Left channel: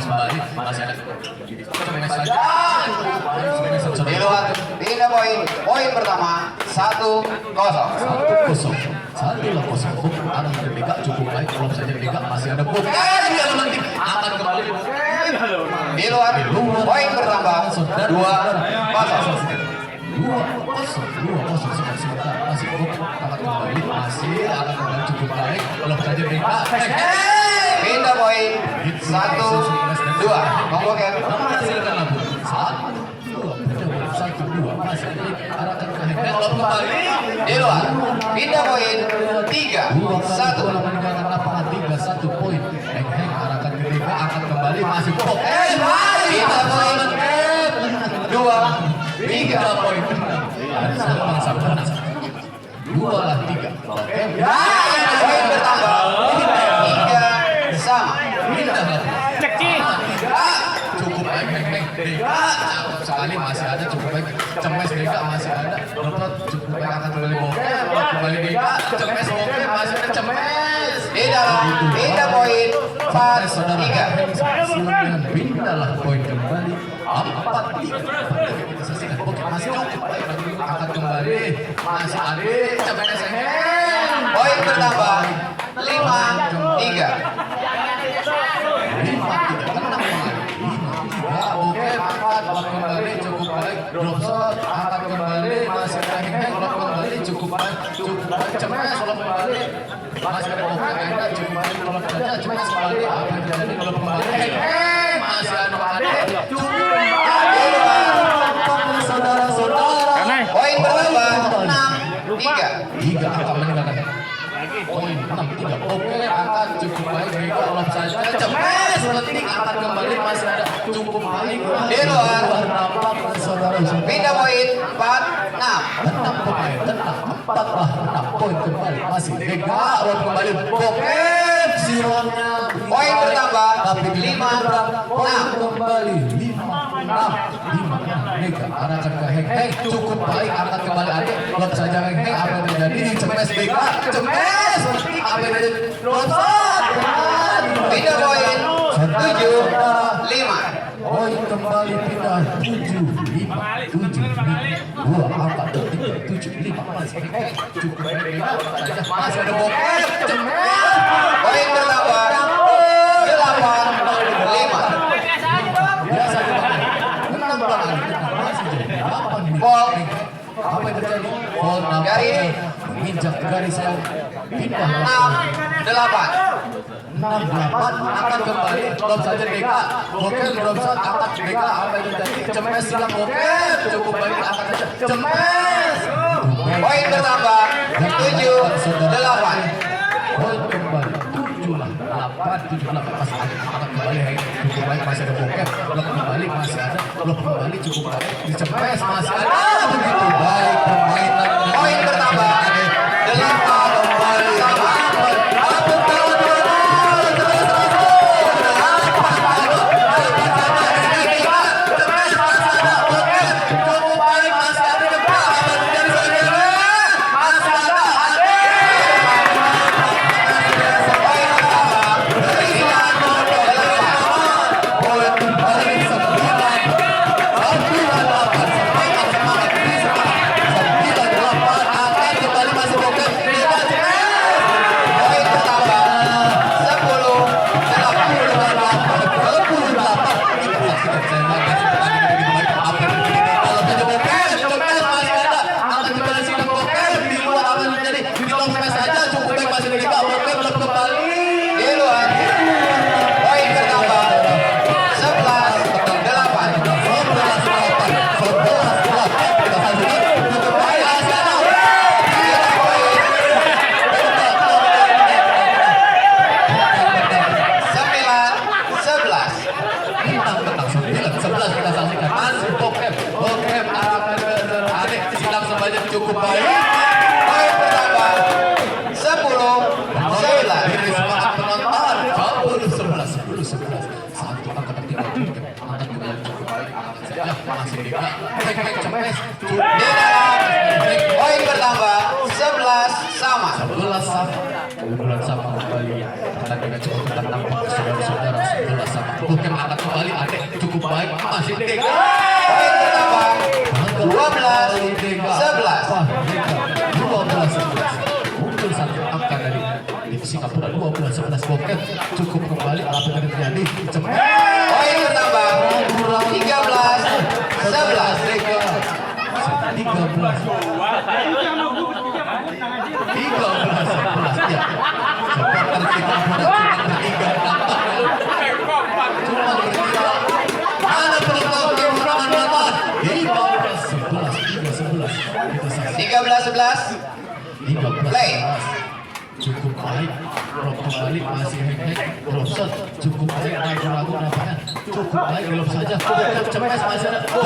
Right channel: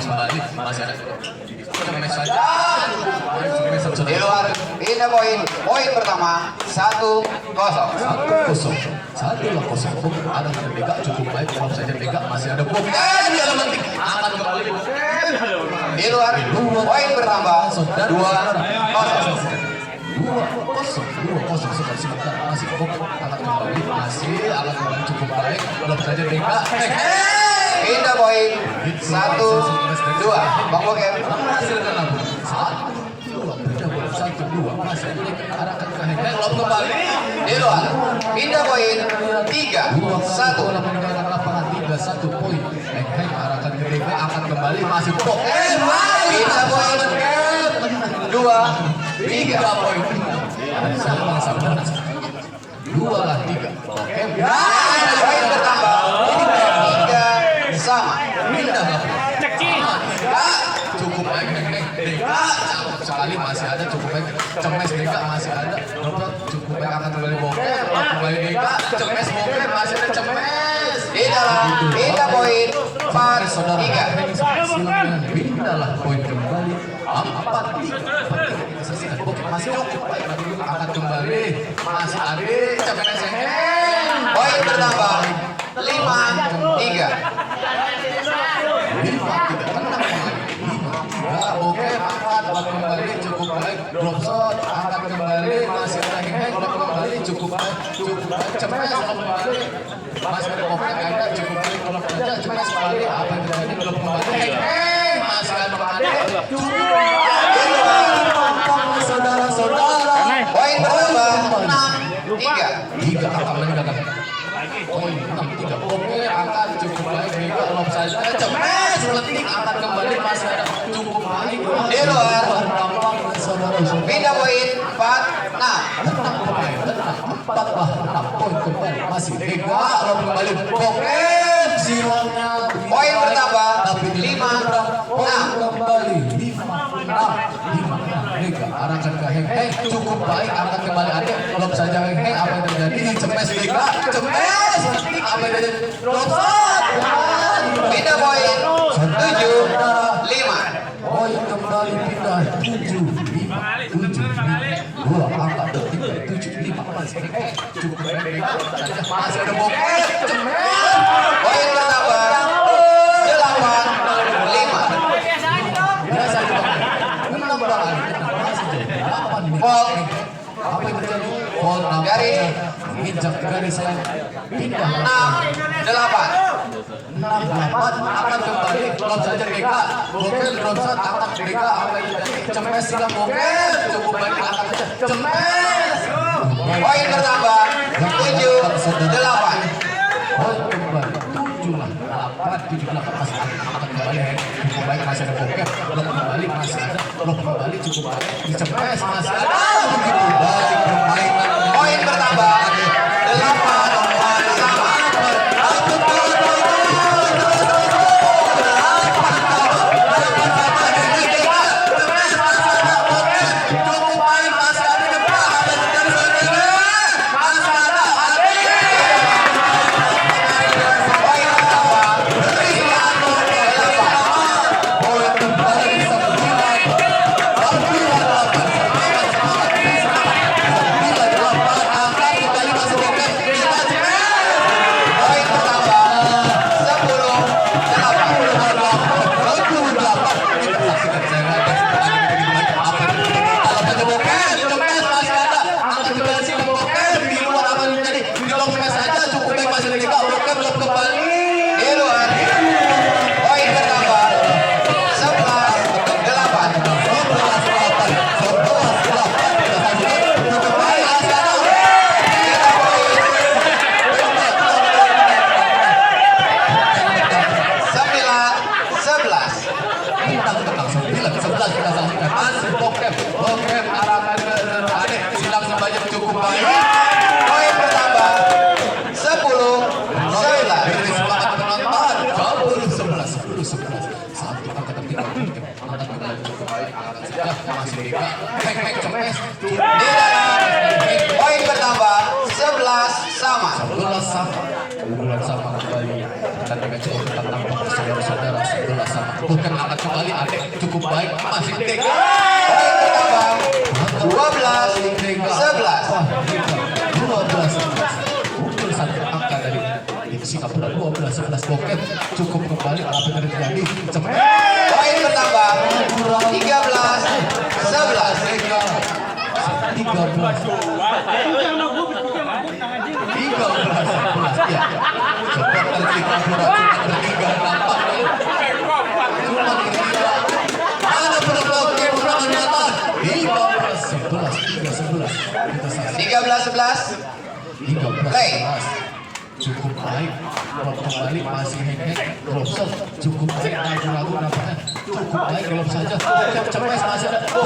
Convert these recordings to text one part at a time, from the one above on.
kembali masih ada saja. Di luar, pindah poin pertama 1-0. 1-0. Ada Merdeka cukup baik kalau saja Merdeka masih ada bom. Dia mentik akan kembali. Di luar, poin bertambah 2-0. 2-0 sebentar masih bom akan kembali akan kembali cukup baik kalau saja Merdeka. Pindah poin 1-2. Bang Bokem. Masih ada 1-2 masih arahkan ke Hengeng kembali. Di luar, pindah poin 3-1. Meninggalkan lapangan 3-1 poin. Hengeng arahkan ke Merdeka akan kembali masih bom. Pindah poin 2-3 poin. Sama-sama 2 lah 3. Oke. Poin bertambah 3 sama. Cukup baik Hengeng. Cakep sekali masih ada cukup baik. Cemes Deka masih ada. Dapat cukup baik akan kembali Bokem. Kembali Deka. Cemes Bokem masih ada Cemes. Di dalam, pindah poin 4-3. Pindahlah poin kembali 4-3. Bokem masih cukup baik akan kembali masih ada Cemes Hengeng. Poin bertambah 5-3. 5-3 tenang oke angkat kembali cukup baik drop shot angkat kembali masih Hengeng kembali cukup baik Cemes kembali masih ada oke angkat cukup baik drop saja Cemes kembali apa yang terjadi drop kembali Hengeng masih ada cukup saudara-saudara Poin bertambah 6-3. Angkat meninggalkan poin 6-3 oke angkat cukup baik Mega lob saja Cemes letik angkat kembali masih ada cukup baik Di luar, saudara pindah poin 4-6. tenang pemain tenang 4 poin kembali masih Mega lob kembali oke silangnya Poin bertambah tapi 5-6. kembali 5-6 Mega arahkan ke Hengeng cukup baik angkat kembali adik lob saja Hengeng apa yang terjadi Cemes Mega Cemes letik apa yang terjadi lob Pindah poin 7-5. poin kembali pindah 7-5 dua angkat 3-7-5 masih Hengeng cukup baik Mega saja masih ada Bokem Cemes Poin bertambah 8-5. biasa menang banget masih jadi 8 nih Ball. apa yang terjadi ball Garis. menginjak garis yang pindah 6-8. 6-8 akan kembali drop saja Mega Bokem drop shot angkat Mega apa yang terjadi Cemes silang Bokem cukup baik angkat Cemes Poin bertambah 7-8. poin kembali 7-8 masih ada akan kembali Hengeng cukup baik masih ada Bokem blok kembali masih ada blok kembali cukup baik di Cemes masih ada begitu baik permainan Poin bertambah 8 sama. Poin bertambah 10-8. Di luar, poin bertambah 11-8. Poin bertambah 10-11. Poin bertambah 11 sama. 11 sama. 11 sama kembali. Pertandingan cukup ketat tampak saudara-saudara 11 sama. bukan angkat kembali Adek cukup baik masih Dega. Poin bertambah 12-11. 12-11. Muncul satu angka dari Singapura 12-11 Bokep cukup kembali apa yang terjadi. Poin bertambah 13-11. 13-11 ya. Cepat tertiga bola cuma bertiga nampaknya. Cuma bertiga. Ada peluang kemenangan 15-11. 13-11. 13 Play. cukup baik drop kembali masih hek drop shot cukup baik ragu-ragu nampaknya cukup baik drop saja cepat masih ada 3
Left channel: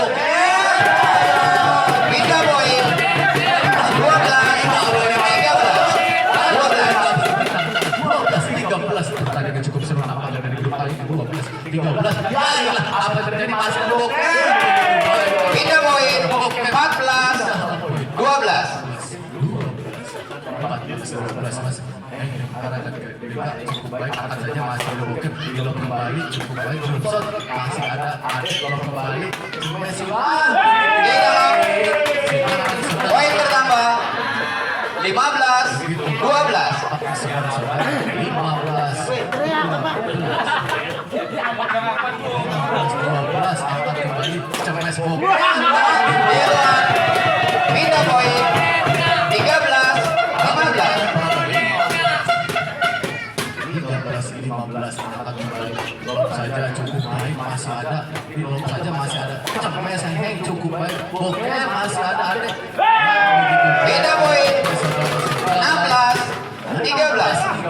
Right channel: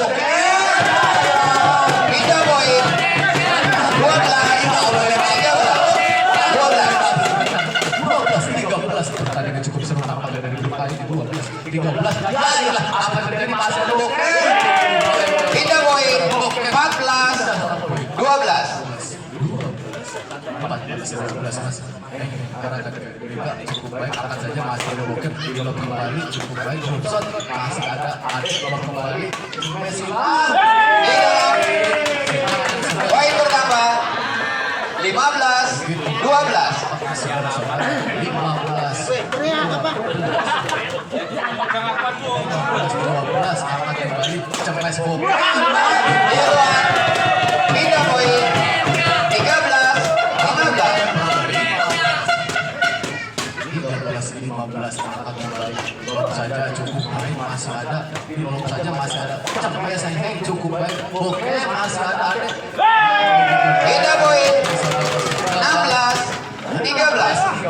poin 12 pertandingan cukup seru nampaknya dari grup A ini 12-13 ya iyalah apa yang terjadi masih ada Bokep 3 poin 14-12. 14-11 mas karena cukup baik akan saja masih ada Bokep belum kembali cukup baik drop shot masih ada Adek belum kembali Messi Di dalam poin bertambah 15-12. 12 akan kembali cemas Bokep Di luar pindah poin 13-15 akan kembali drop saja cukup baik masih ada di drop saja masih ada cemas Heng cukup baik Bokep masih ada Adek pindah poin 16-13.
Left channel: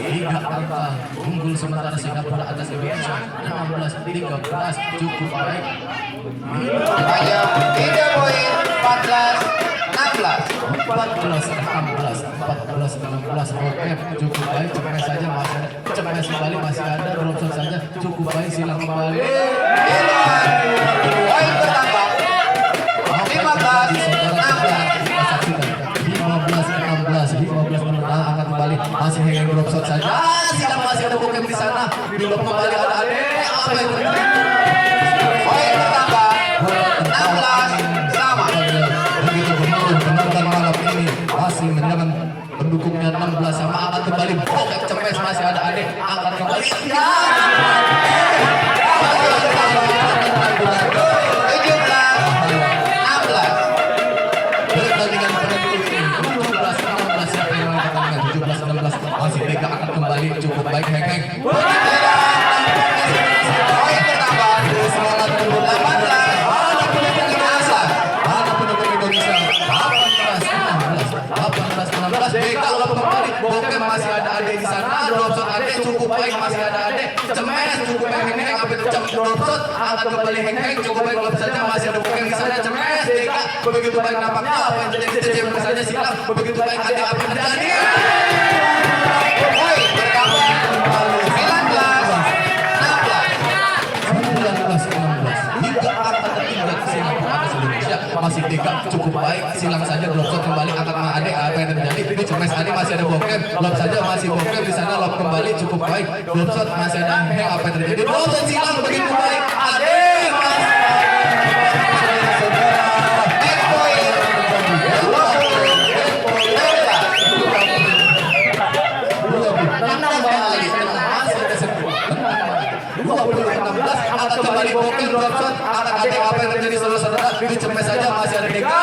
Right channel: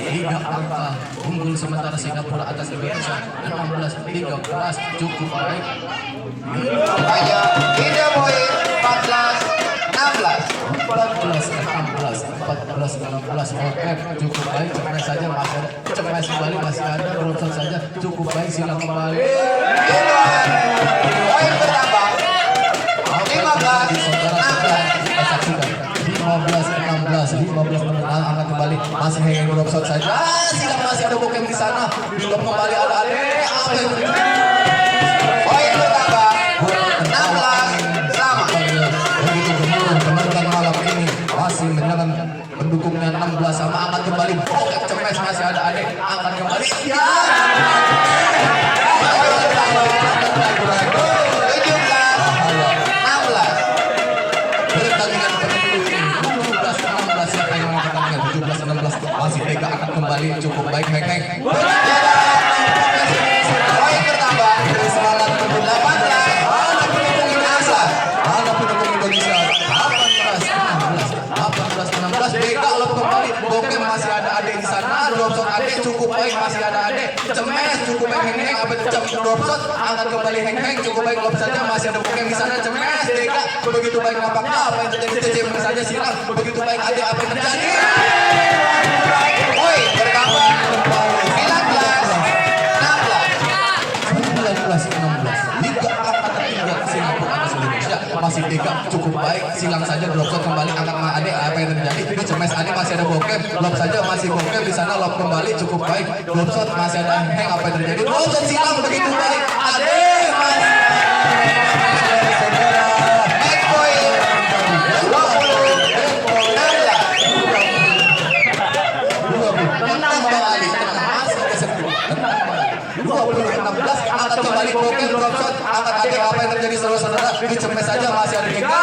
3 angka unggul sementara Singapura atas Indonesia 16-13 cukup baik Hanya pindah poin 14-16 Bokep cukup baik cemas saja masih cemas kembali masih ada drop saja cukup baik silang kembali di luar poin bertambah 15-16 angkat kembali masih hanging drop shot saja silang masih ada Bokep di sana belum kembali ada Adek apa yang terjadi poin bertambah 16 sama. begitu gemuruh penonton malam ini masih mendengar pendukungnya 16 sama angkat kembali Bokep cemas masih ada Adek angkat kembali ya Poin bertambah 17-16. pertandingan penutup 17-16 siapa yang mau pertandingan 17-16 masih Dega akan kembali cukup baik Heng Poin bertambah 18-16 Dega lop kembali Bokep masih ada Adek di sana drop shot Adek cukup baik masih ada Adek cemes cukup baik Heng apa drop shot angkat kembali Heng cukup baik drop saja masih ada Bokep di sana cemes Dega begitu baik nampaknya apa yang terjadi saja silang begitu baik Adek apa yang terjadi poin bertambah 19-16. 3 angkat tertinggal Singapura atas Indonesia masih Dega cukup baik silang saja drop shot kembali angkat sama Adek apa yang terjadi itu cemes Adek masih ada Bokep lob saja masih Bokep di sana lob kembali cukup baik drop shot masih ada Heng apa yang terjadi drop shot silang begitu baik Adek Make poin 16 akan kembali Bokep drop shot angkat Adek apa yang terjadi saudara-saudara itu cemes saja masih ada Dega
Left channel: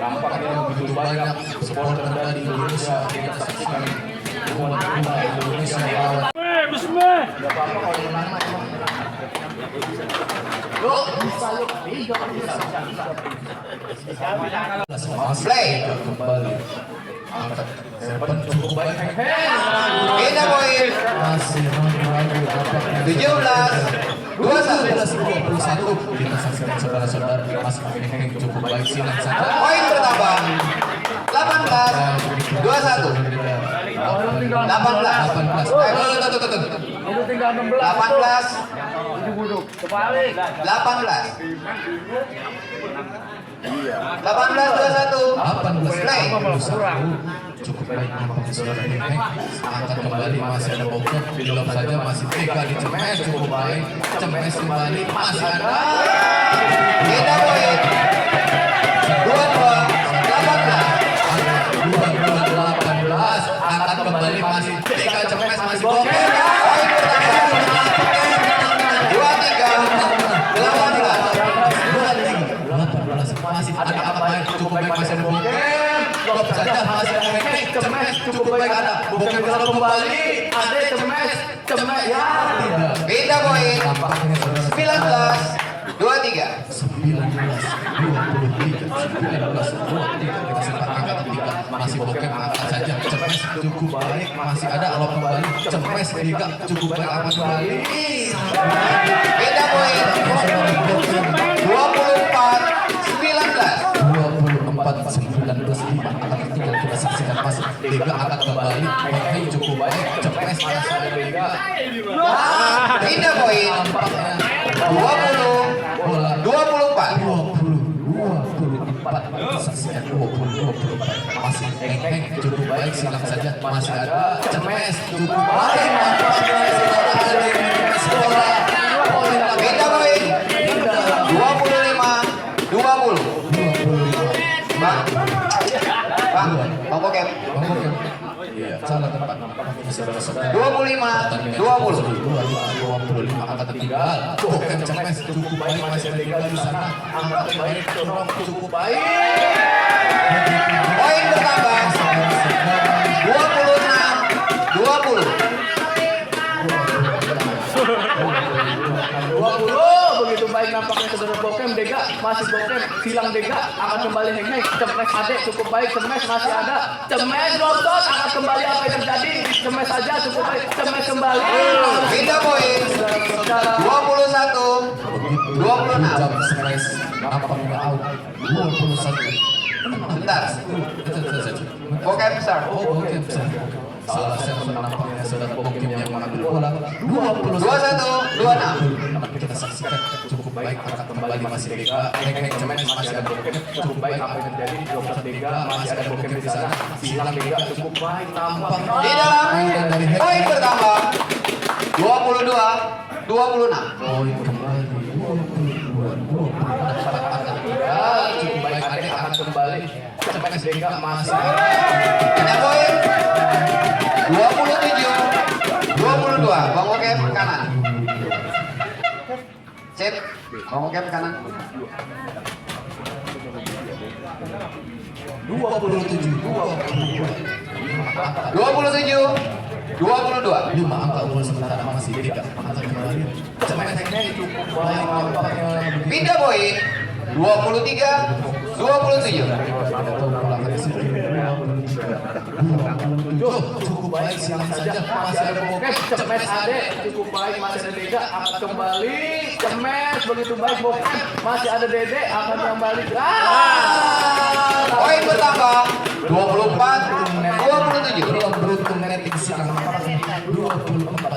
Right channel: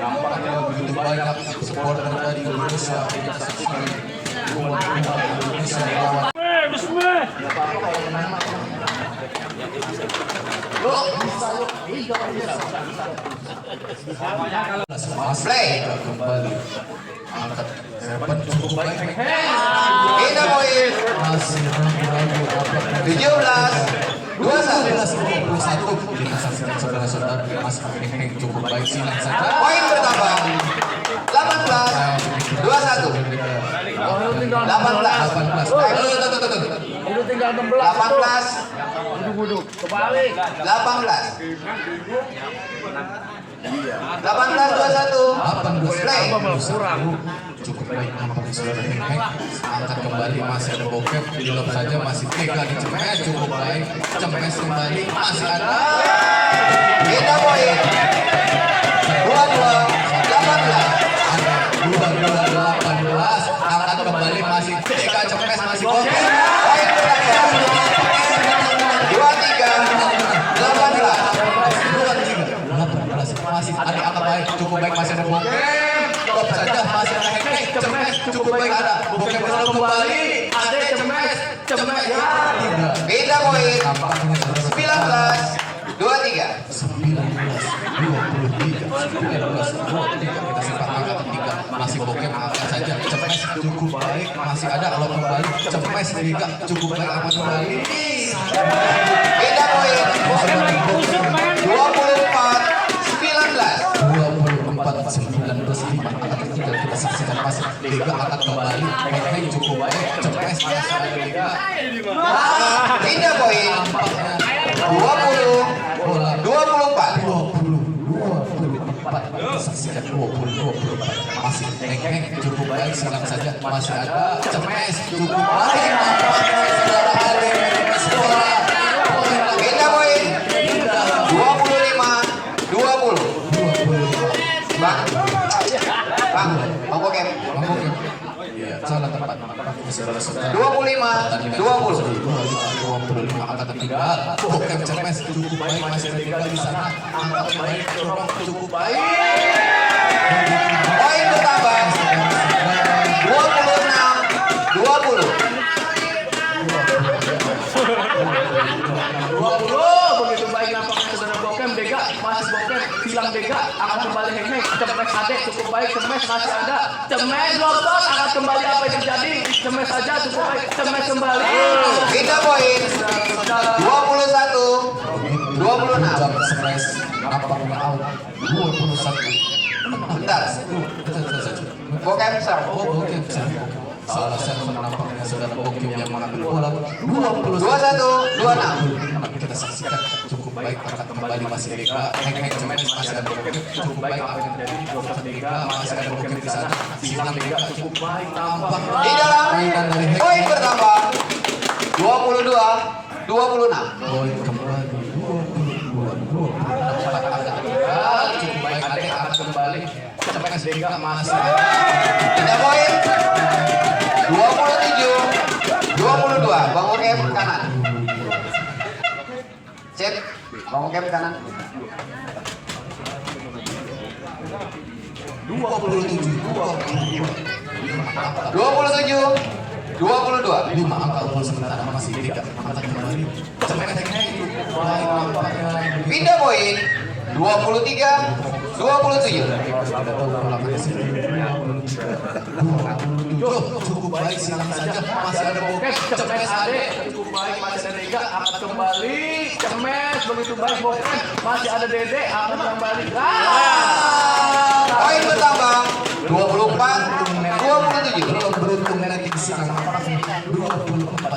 nampaknya begitu banyak supporter dari Indonesia kita saksikan umat Indonesia melawan Play. kembali angkat serban cukup baik Pindah poin masih ragu-ragu apakah 17-21. kita saksikan saudara-saudara masih cukup baik silang saja Poin bertambah 18-21. Udah tinggal 16. 18. Duduk. Kebalik. 18. 18-21. 18 Play. cukup baik nampaknya saudara Hengkeng angkat kembali masih ada bokep belum saja masih tega di cemes cukup baik cemes kembali masih ada Beda poin. 22 angkat kembali masih tega cemes masih bokep 18 masih ada angkat baik cukup baik masih ada bokep stop saja masih ada Hengkeng cemes cukup baik ada bokep selalu kembali ada cemes ya tidak Beda poin. tampaknya saudara 19-23. 19-23 kita sempat angkat tiga masih bokep angkat saja cemes cukup baik masih ada kalau kembali cemes tiga cukup baik angkat kembali Beda poin. 24-19 tinggal kita saksikan masih tiga angkat kembali Hengkeng cukup baik cemes masih ada tiga Beda poin. tampaknya 20-24. bola 24 kita saksikan 24 masih Hengkeng cukup baik silang saja masih ada cemes cukup baik nampaknya saudara Hengkeng bola Beda poin. 25-20. Bang. Bang Bokem. Iya, salah tepat. Saudara-saudara. 25-20. 25 angkat ketiga. Bokep cemes cukup baik masih ada tiga di sana. Angkat baik dorong cukup baik. Poin bertambah. 26-20. Begitu baik nampaknya saudara Bokem. Dega masih Bokem. Silang Dega. Angkat kembali Hengkeng. Cemes ada cukup baik. Cemes masih ada. Cemes lotot. Angkat kembali apa yang terjadi. Cemes saja cukup baik. Cemes kembali. Beda poin. 21-26. Jam cemes nampaknya out. 21. Bentar. Bokem besar. Oh, Bokem salah server nampaknya saudara Bokem yang mengambil bola 21. 21-26. Kita saksikan cukup baik angkat kembali masih Dega Hengkeng cemes masih ada Bokem cukup baik apa yang terjadi 12 Dega masih ada Bokem di sana silang Dega cukup baik tampak Di dalam. mainan dari Poin Hengkeng bertambah. 22-26. poin kembali 22 angkat Dega cukup baik adek angkat kembali cemes Dega masih ada Beda poin. 27-22. Bang Bokem kanan. Sip. Bang Bokem kanan. 27-22. 5 angka unggul sementara masih Dega angkat kembali cemes Hengkeng cukup baik nampaknya Pindah poin. 23-27. ada tahu belakangnya sendiri cukup baik silang saja masih ada Bokem Cemes ade cukup baik masih ada Dega. Angkat kembali. Cemes begitu baik Bokem. Masih ada Dede. Angkat kembali. Poin bertambah. 24-27. belum beruntung netting silang 24 27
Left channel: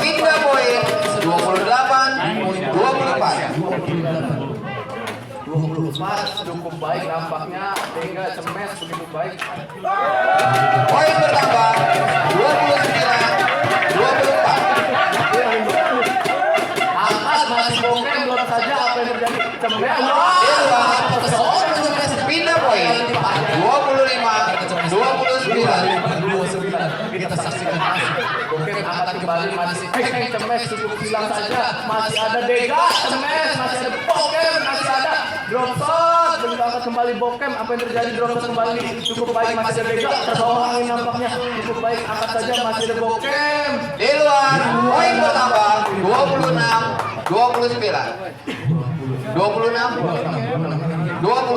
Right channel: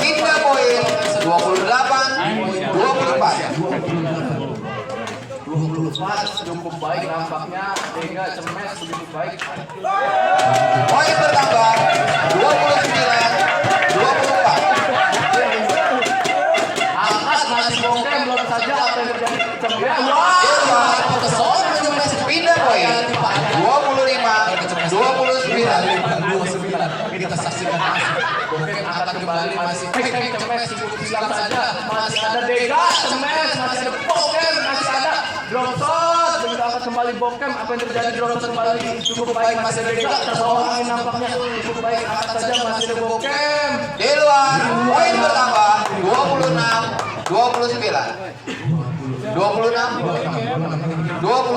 Pindah poin. 28-24. Cukup baik nampaknya. Dega Cemes begitu baik. Poin bertambah. 29-24. Angkat masih Bokem belum saja apa yang terjadi. Cemes. Pindah poin. 25-29. kita saksikan masih Bokem angkat kembali masih Hengkeng Cemes cukup silang saja. Masih ada Dega Cemes. Masih ada Bokem. Masih ada drop shot. Begitu angkat kembali Bokem. Apa yang terjadi drop shot kembali. Cukup baik masih ada Dega. Terbawain nampaknya. Cukup baik angkat saja masih ada Bokem. Di luar. Poin bertambah. 26-29. 26 26 29.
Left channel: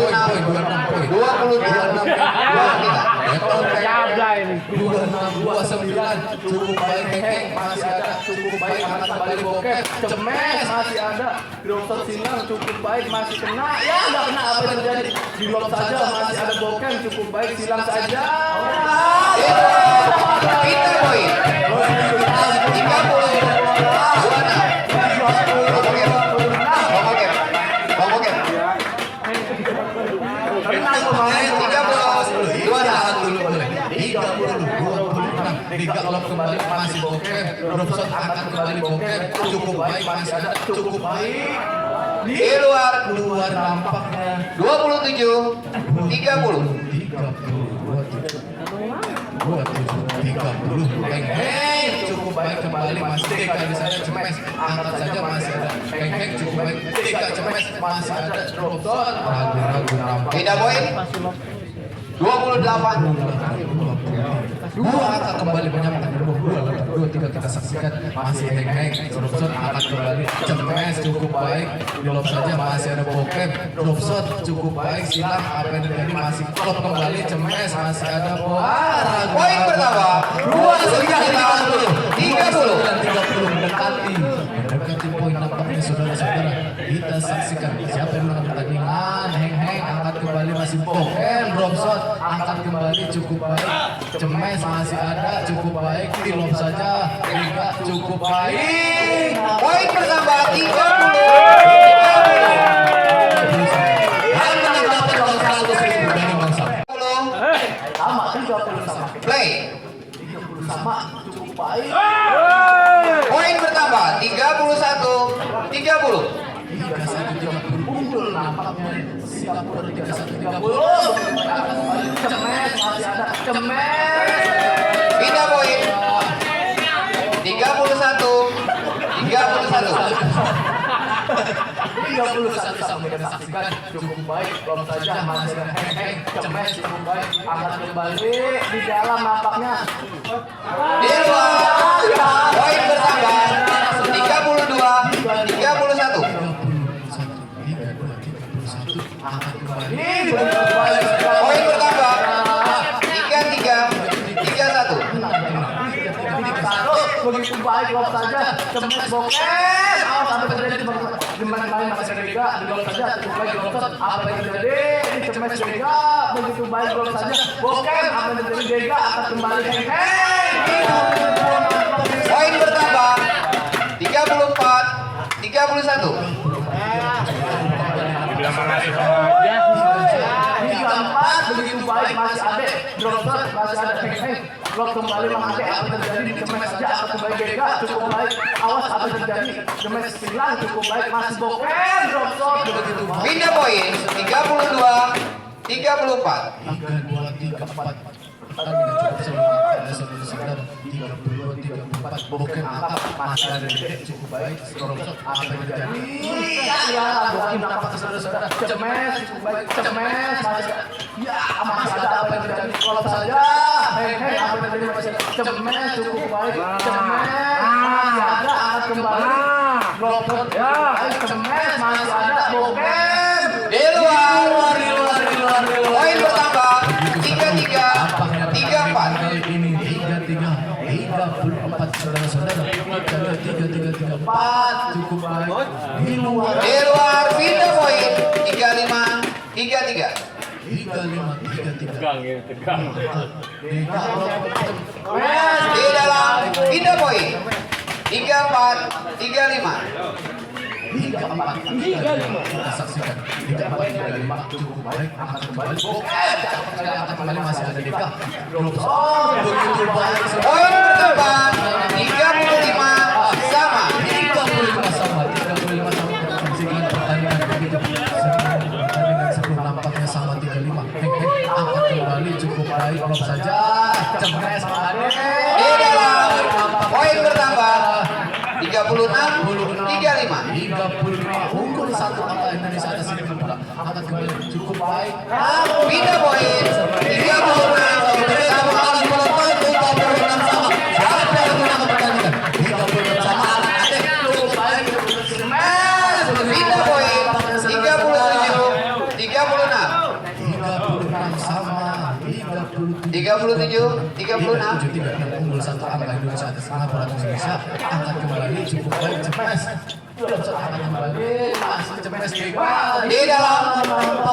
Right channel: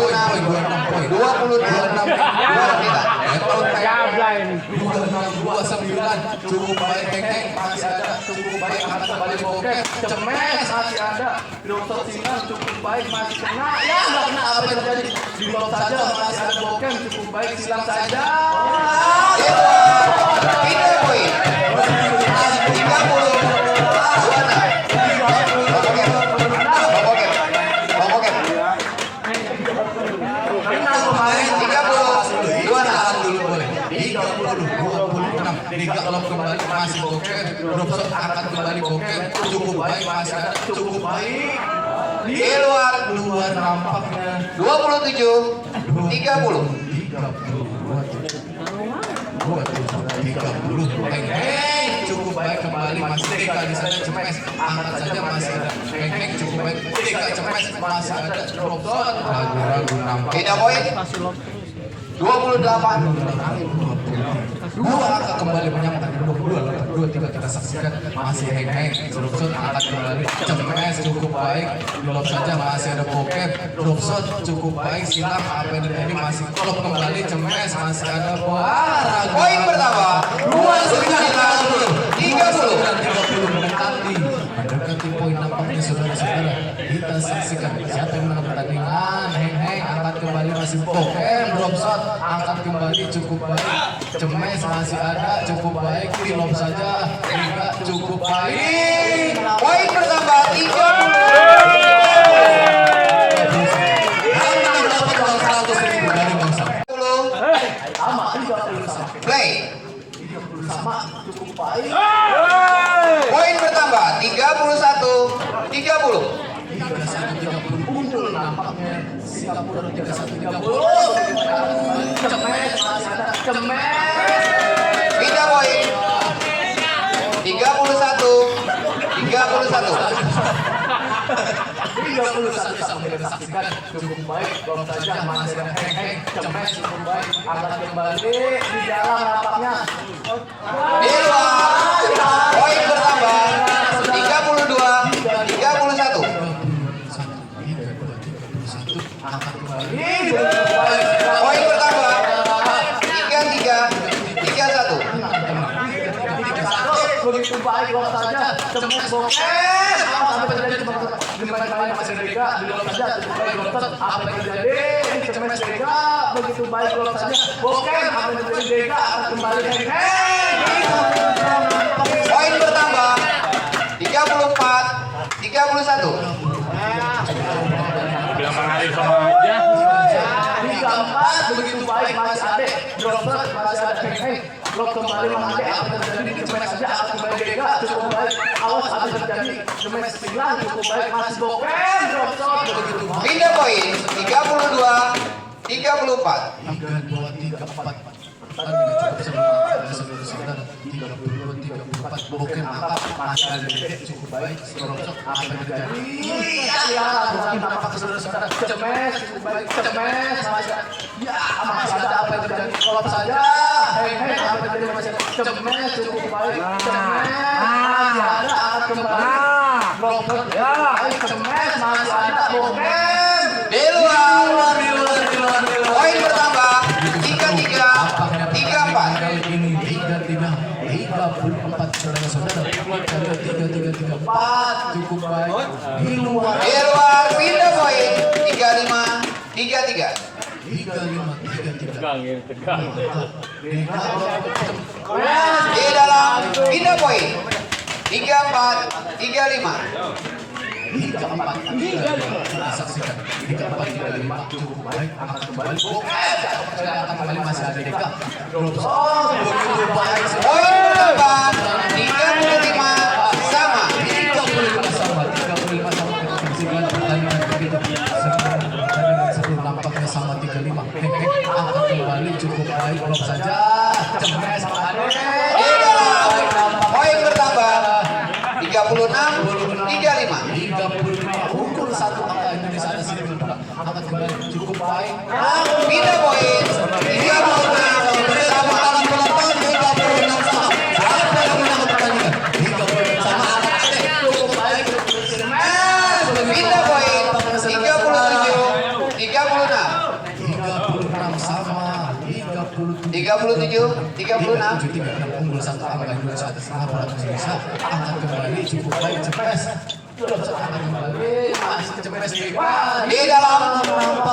ini. 2629 cukup baik Heng masih ada cukup baik angkat kembali Bokem Cemes masih ada. Dokter Singang cukup baik masih kena. Ya nggak kena apa yang terjadi. Di blok saja masih ada Bokem cukup baik silang saja. Pindah poin. 3 kalau kembali masih Bokem Robson akan kembali Bokem cukup baik masih ada cukup baik Di luar keluar nampaknya 27 30. 30 cukup baik kembali masih TK di sana Cemes angkat saja masih ada Heng cukup baik TK Cemes masih ada Robson ragu-ragu nampak Pindah poin. 28. Dua angka kembali menyambut di blok 2 3 kita saksikan masih Heng Robson angkat kembali Cemes cukup baik belum saja masih ada Bokem Robson cukup baik silam apa yang terjadi masih klop kembali Cemes masih ada Poin pertama 30 mendekati poin nampaknya saudara-saudara kita saksikan siapa yang menang pertandingan Heng angkat kembali masih Bokem Robson angkat kembali cukup baik Cemes masih ada cukup baik dilop saja Hingga cukup baik Poin pertama 30. Play. Poin bertambah 31 30. unggul nampaknya Singapura 31-30 Cemes masih ada. Cemes. Pindah poin 31 31 sampai kita saksikan Cukup baik, belum saja masih ada Heng Cemes cukup baik. Angkat kembali di dalam nampaknya. di luar. Poin bertambah 32 31. Poin bertambah 33 31. Begitu baik belum saja Cemes Bokem. Apa sampai terjadi gimana lain masih Vega belum saja cukup baik belum saja apa yang terjadi ini Cemes Vega begitu baik belum saja Bokem apa yang terjadi Vega akan kembali Heng. Poin bertambah 34 31. Liga 4 begitu baik masih ada Dropshot masih ada Heng. Blok kembali memakai apa yang terjadi di Cemes saja akan kembali Vega cukup baik awas apa yang terjadi Cemes hilang cukup baik masih Bokem Dropshot begitu baik. Pindah poin 32 34. 3-2-3-4 pertandingan cukup seru ada saudara-saudara 32-34 Bokem angkat masih ada cukup baik Robson apa yang terjadi Ya, Bokem apa saudara-saudara Cemes cukup baik Cemes masih ada ya masih ada apa yang terjadi kalau saja Heng apa yang terjadi masih ada Cemes cukup baik Cemes masih ada angkat kembali Dropshot ya Cemes masih ada Bokem Di luar. Poin bertambah 33 34. ini 3-3 34 saudara-saudara 3-3 cukup baik di luar Di luar. Pindah poin 35 33. 3-5-3-3 Di dalam pindah poin 34 35. 3-4 kita saksikan 3-4 cukup baik angkat kembali angkat kembali masih ada Deka Robson begitu baik Poin bertambah 35 sama. 35 sama kita saksikan pertandingan begitu pertandingan sebelum nampaknya sama 35 angkat kembali cukup baik belum saja Cemes ada Di dalam poin bertambah 36 35. 35 unggul satu angka Indonesia ada sini angkat kembali cukup baik Pindah poin 36 sama. siapa yang menang pertandingan 36 sama Pindah poin 37 36. 36 sama 36 unggul satu angka Indonesia atas angka Indonesia. Angkat kembali cukup baik Cepes. Angkat kembali masih Cepes bebas. Di dalam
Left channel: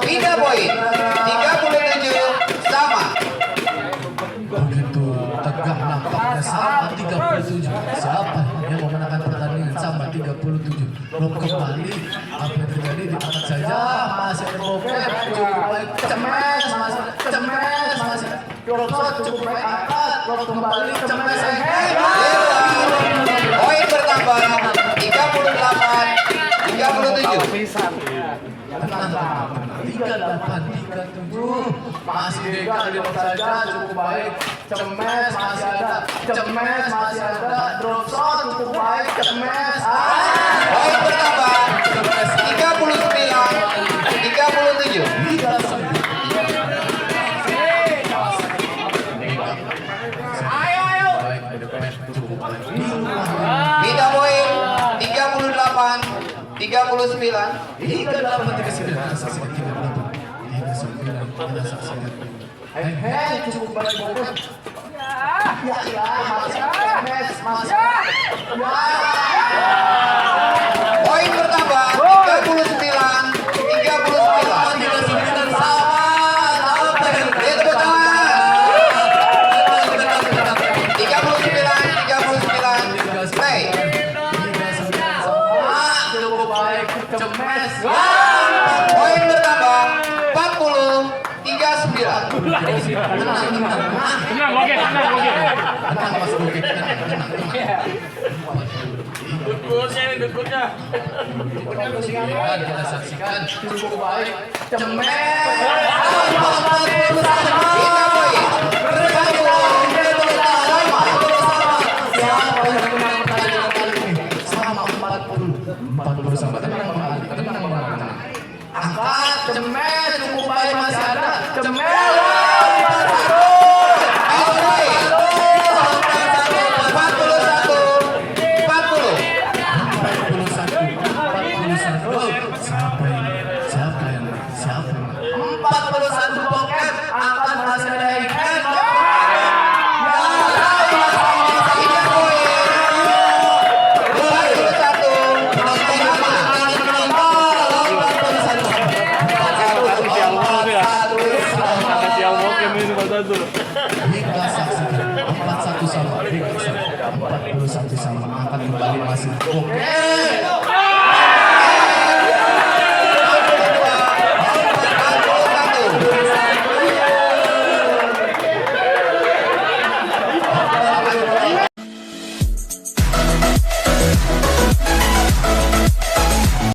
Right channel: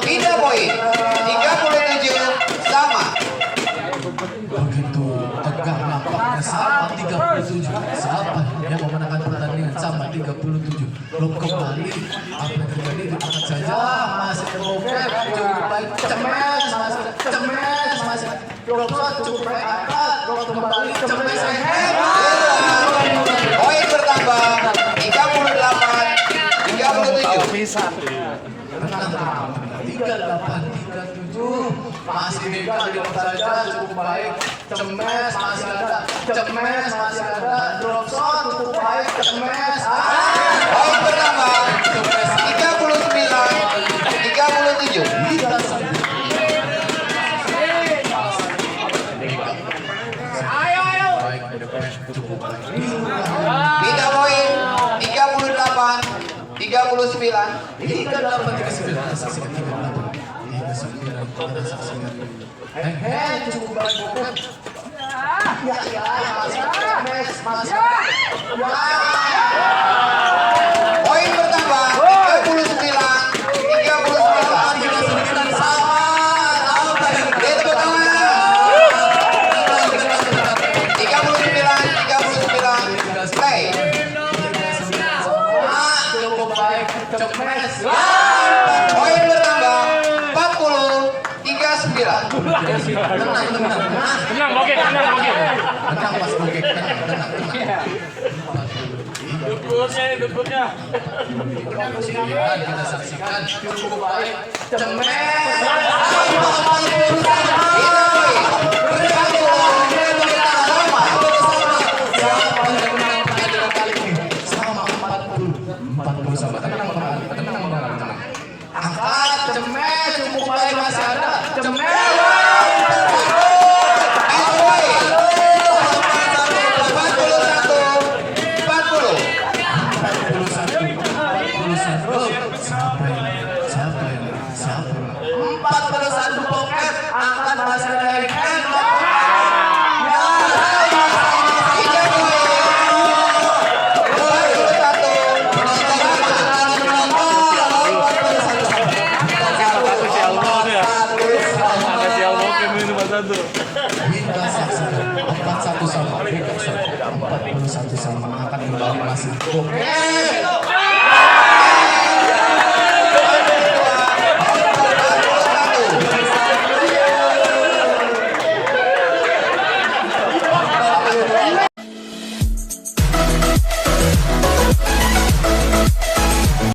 3 poin. 37 sama. Begitu tegak nampaknya sama 37. Siapa yang memenangkan pertandingan sama 37. Belum kembali. Apa yang terjadi diangkat saja. Masih terboker. Cukup baik Cemes. Masih Dropshot cukup baik angkat. Drop kembali Cemes. Poin bertambah 38-37. Tenang. 38-37 masih Dega di saja cukup baik. Cemes masih ada. Drop shot cukup baik. Cemes. Poin bertambah 39-37. Kita poin 38-39. Hingga dapat dikasihkan saksikan kita dapat. Hingga sembilan kita saksikan. Cukup baik bukan? Poin bertambah 39-39. Tepuk tangan. 39-39. Play. Cukup baik. Cemes. Poin bertambah 40-39. Tenang, oke. Tenang Mas Oke. Tenang. Duduknya. Kita saksikan cukup baik. Cemes. Kita poin 40 sama. Tenang. Angkat Cemes cukup baik masih ada. Cemes. 41 poket angkat masih ada. Kita saksikan 41 sama. 41 sama. Angkat kembali masih. Oke.